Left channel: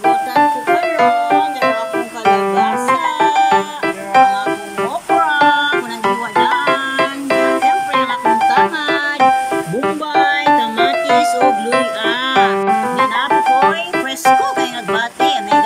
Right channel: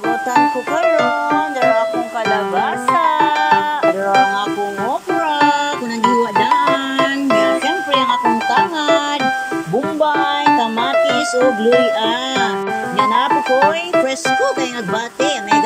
pagutan ko karon, dara akong kalabasa, dara ang akong okra, kung naghiwa daan, siyempre ang akong tangad, bumbay, tamatis, o gluya. Yan na po ko'y presko kay nagbati, anay